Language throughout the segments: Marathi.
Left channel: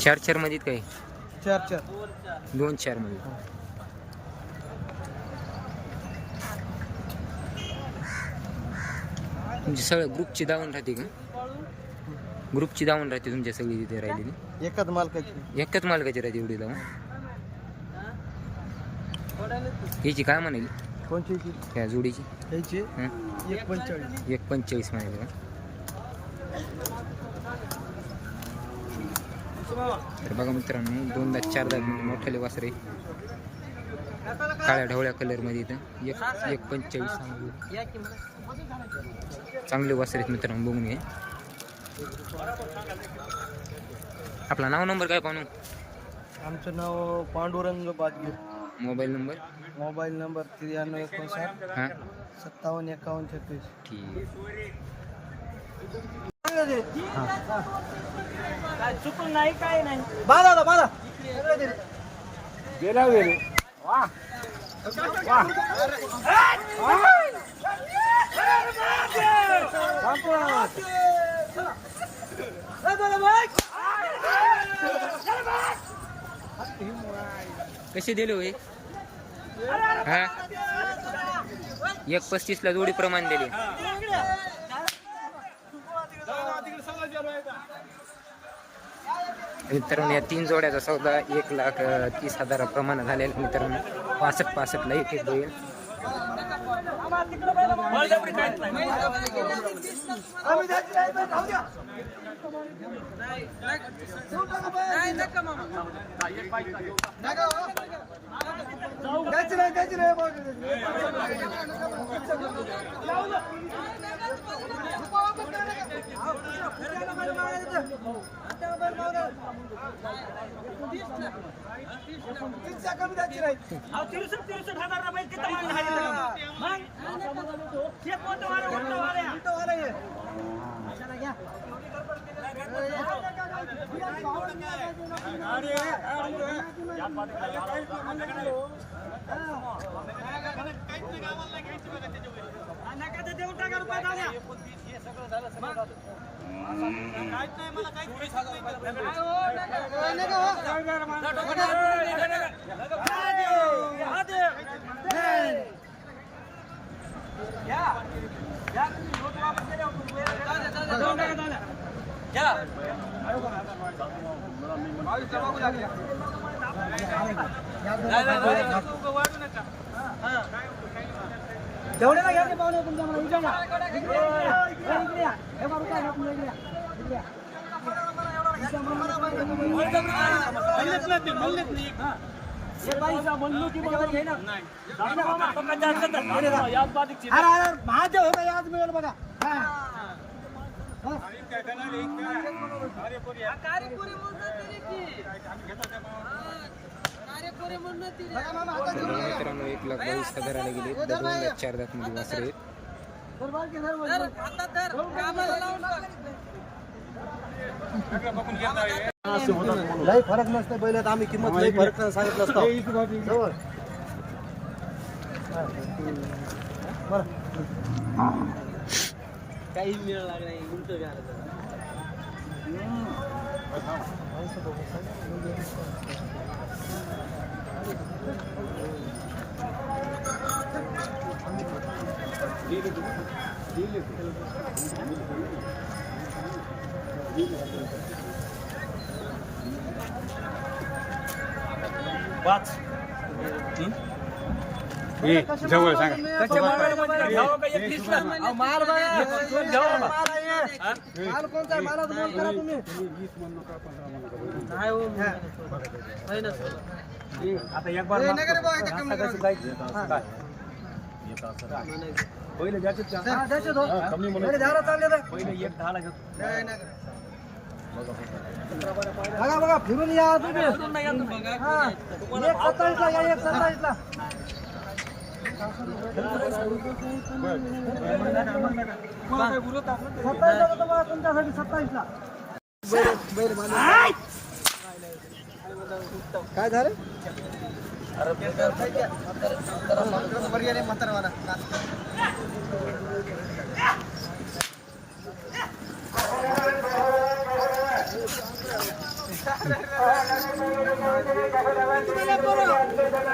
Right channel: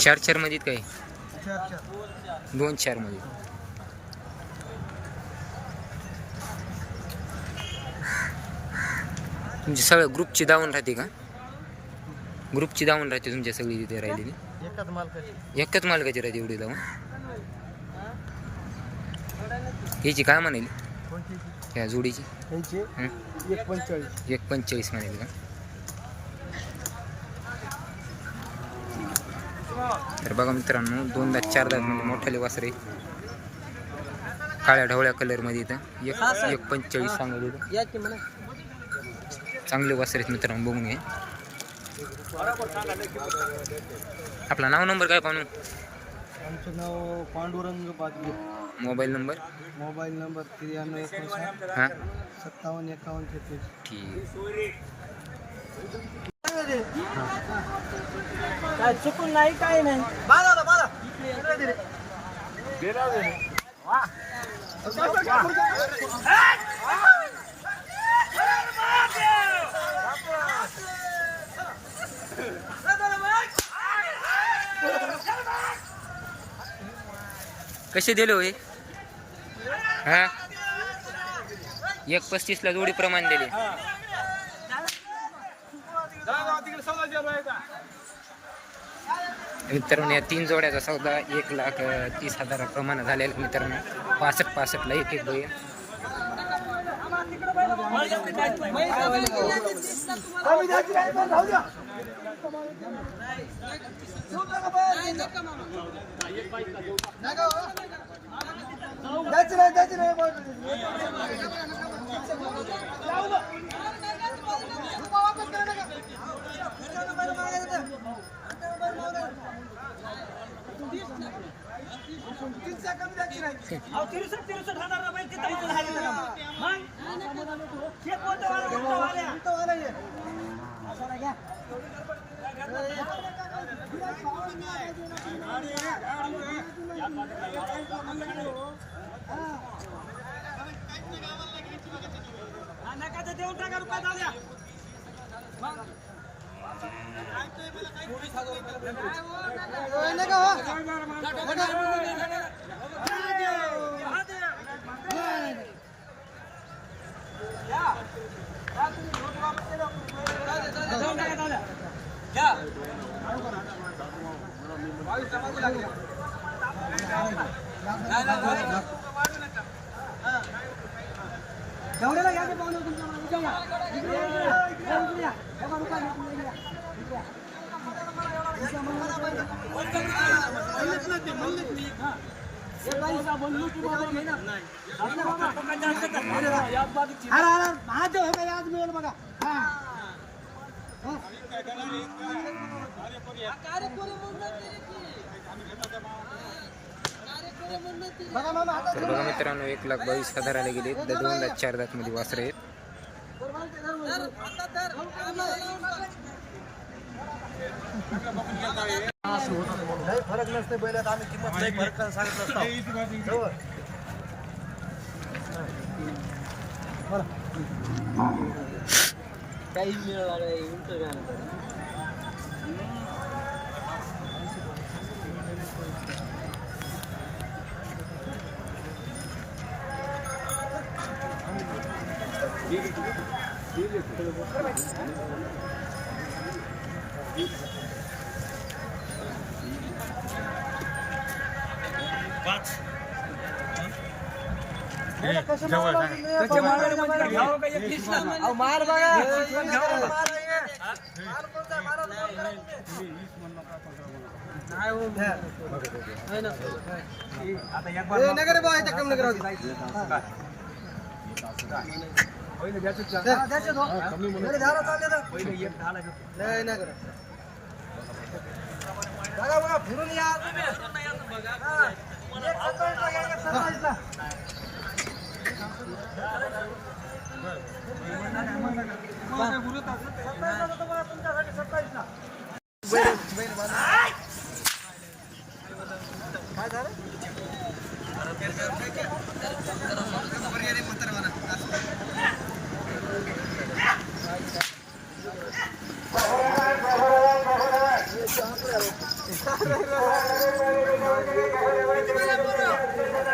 चार चारमध्ये काय चार चार. दोन चारमध्ये तुमची सगळं ग्रुपची दावण राहते का? ग्रुपची दावण राहते तुमच्या सगळी तिथे राहिलेली? एकच मालकाची. एकच मालकाची राहते एवढी दावण? याची काय म्हणाली? त्या जोडीची? एक पंचेचाळीस. म्हणाली का? तर बघा मित्रांनो दोनदा चारदा म्हणजे मोठाले वासरे. काळ्या ढवळ्या कलरमध्ये इथं. एक एक पंचेचाळीस म्हणा चांगले वासरे मित्रांनो बघून आपला नाव नंबर काय पाहू आमचं नाव Pandurang Bajge. Mobile number? Mobile number त्र्याण्णव एकोणसाठ हाँ. सत्तावन्न एकावन्न छत्तीस. ठीक काय चुकून नाही काय नाही. बाळा बाळा कसे दिले होय हा? एक पस्तीस ला जोडी प्रमाण दिले. मित्रांनो या तीन जोड्याचा सौदा एक लाख तीस हजार प्रमाण झालेला मित्रांनो. पासष्ट पासष्टला एक एक बैल. द्यायची नाही द्यायची नाही जेवढ्याला घ्या ते पाहुणे तुमच्या मला उद्या घ्या. इकडे या, इकडे या. इकडे या. हे जेवढे ना घ्या, इकडे या. तुमच्या या. हे महादेव होता याद मिळेल बघा हा. तर बघा मित्रांनो एक लाख बावीस हजाराला गेले तर दोन लाख चार लाखमध्ये वासरे आहेत फरक नसते पहिले आम्ही किंमत लई फरक सांगितलं काहीच बरं. बैलं उलट मारायला लागले? कसे लागले? अहो, माल बघा. माल आहे. माल कोणता आहे? मालाचं मोल करा तुम्ही. नाही हो. आहे ना. हे. हा. हा. बरं, करत. बघा बघा फिरून या तुम्ही. एक सत्तावीसला या एक सत्तावीसला तुमच्यासाठी होतं मला काय झालं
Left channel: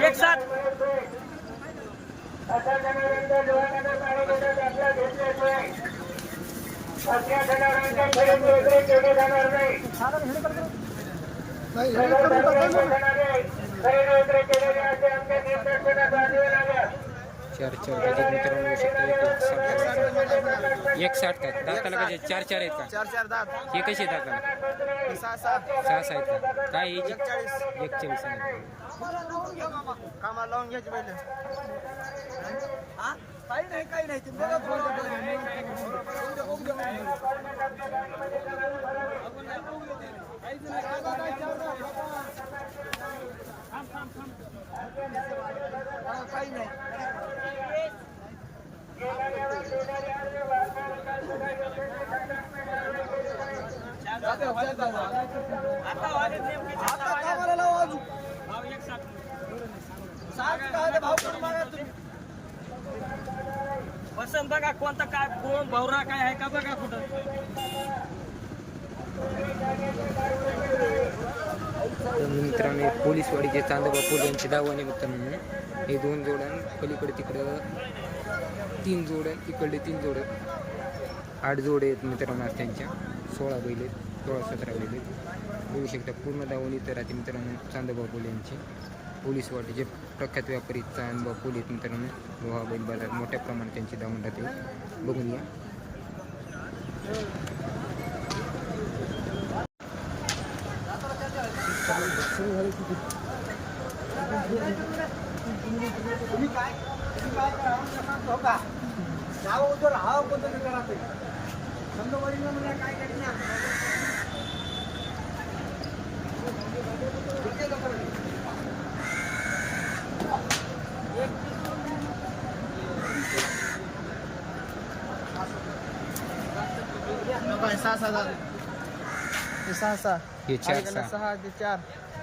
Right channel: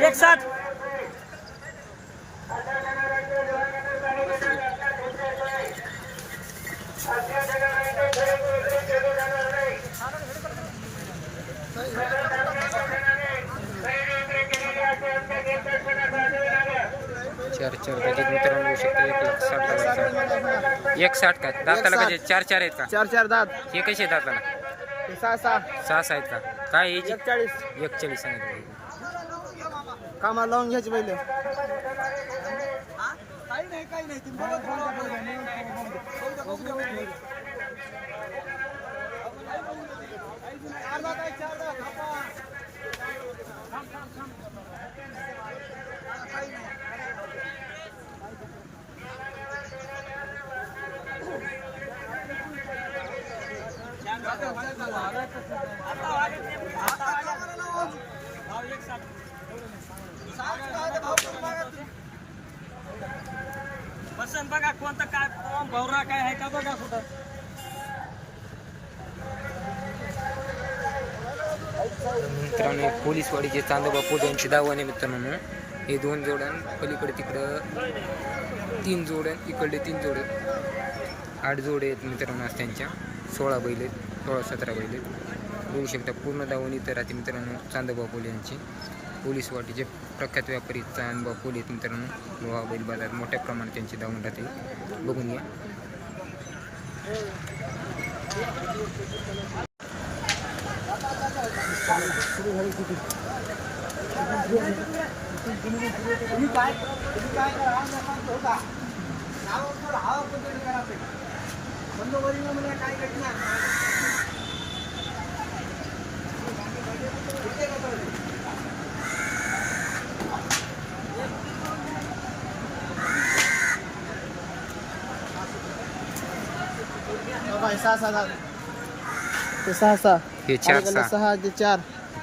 एक साथ. चार चार गजे मित्रांनो शकता एक लाख साठ हजार एक साठ का? दाताला कसे? चार चार आहेत का? चार चार दात. हे कसे आहेत दाताला? सहा सहा. सहा सहा आहेत का? काय याची? एकचाळीस. एकचाळीस सांगितलं कामाला लावून घ्यायचे पहिले. काही नाही काही नाही. बसन बघा कोणतं काय कोण भवरा काय आहे का बघा कुठं तर मित्रांनो एक पोलीसवाडीचे चांदोबा पोल यांची दावाने मित्रांनो. हे दोन जोडण पलीकडे तिकडं तीन जोडण इकडले तीन जोडं आठ जोडे आहेत मित्रांनो आज त्यांच्या. सोळा बैल आहेत सोळा सतरा बैल आहेत. बघू शकता पूर्ण दावणी तर राहते मित्रांनो चांदोबा पोल यांची. पोलीसवाडीचे प्रख्यात व्यापारी चांदोबा पोल आहेत मित्रांनो. लोहा बैल बाजार मोठ्या प्रमाणात त्यांची दावण राहते. बघून या तुम्ही काय तुम्ही काय करा आमच्या सांगतो होता नाव उद्योग हा कोणतरी करा ते बंद वरील म्हणजे काय करीत ना सहा सहा ते सहा सहा हे चार सहा. सहा ते चार.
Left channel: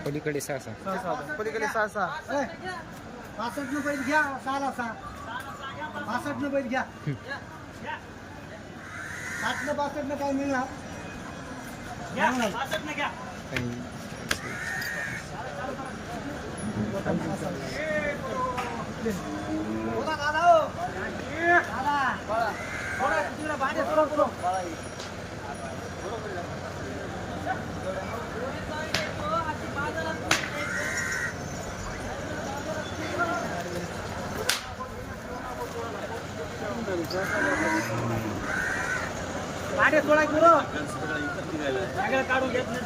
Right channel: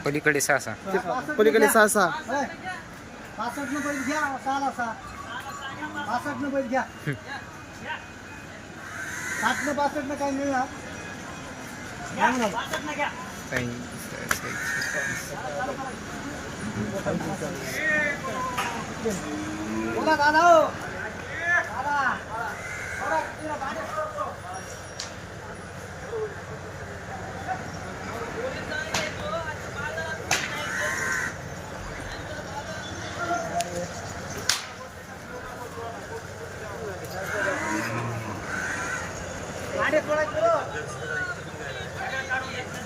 पलीकडे सहा सहा. पलीकडे सहा सहा. पासष्ट न बैल घ्या सहाला सहा. पासष्ट न बैल घ्या. साठ न पासष्ट न काय मिळणार? काय म्हणाल? काही सहा- सहा- बोला दादा हो. दादा सोडा तिकडे भांडे सोडा पुढं. भांडे सोडा पुढं. सगळं काढून देत नाही.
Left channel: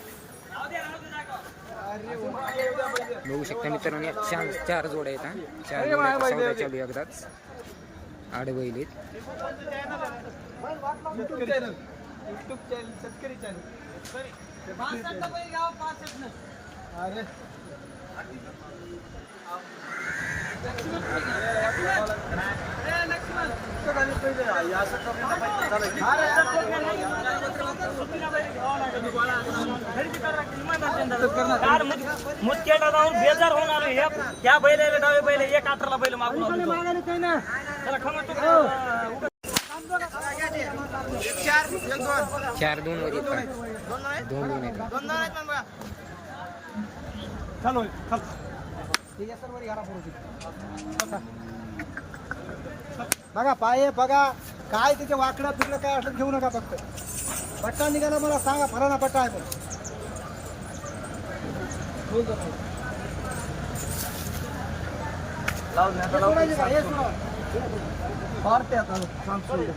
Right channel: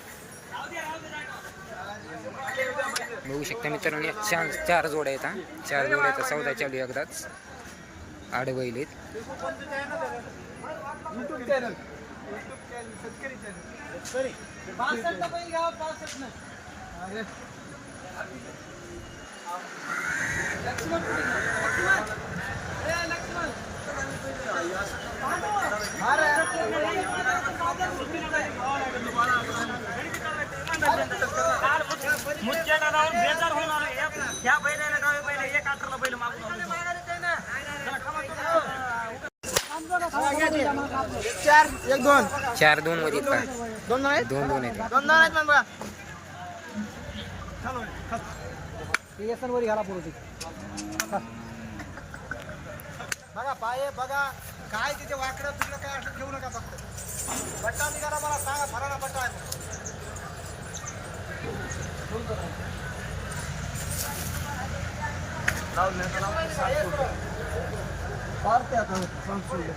बघू शकता मित्रांनो चार चार जोड्या आहेत हा. चार जोड्याचा सौदा चालू आहे एकदाच. आड बैल आहेत. अरे. बेजार होणार आहे. या- या बैलाला डावे बैल एक अठराला बैल मागून आणतो. त्याला खमा तो- चार एक दोन चार दोन वर आहेत का दोन नाही दोन दोन आहेत दोन नाही आहेत बघा चालू ठीक आहे सर वरी घाला पुढे बघा पाय बघा काय तिथे वाकडं तिकडं काय असं घेऊ नका फक्त पट्टा निघाला मला सांगा फराना पट्टा आहे तो. ठेवतो नाही. पारते आता सोडले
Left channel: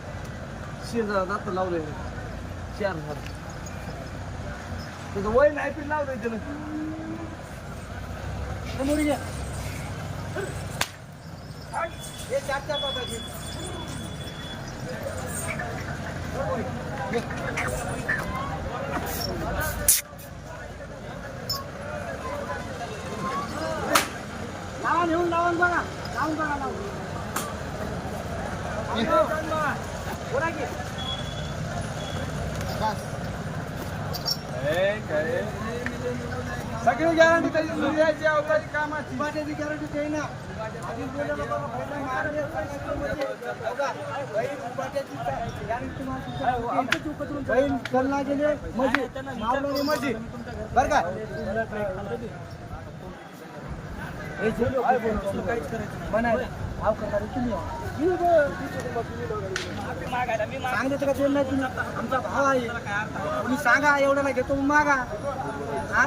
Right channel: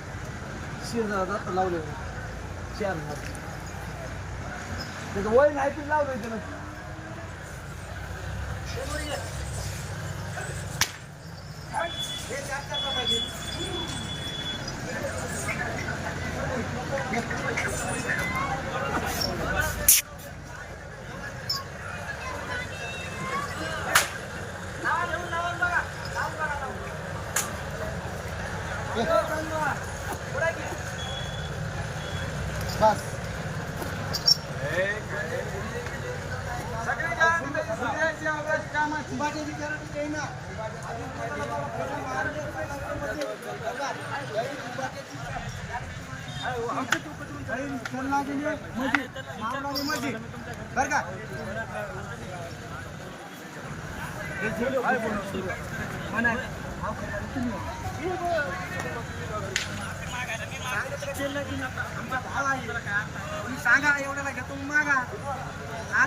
शेजार आता लावले चार झाड त्याचं वय नाही पण लावलंय त्यानं हे मोरी घे. हे चार चार टाकायचे. बस. सगळी गॅरंटी त्याची सूर्याची अवकाश कामाची बाट्याची गॅरंटी काही ना बहीण चलना गेले मस्जिद मावला मस्जिद बर का हे का नाही तुम्ही आमचा भाव आहे. तुम्ही सांगा एवढ्याला घेतो मागा. हा?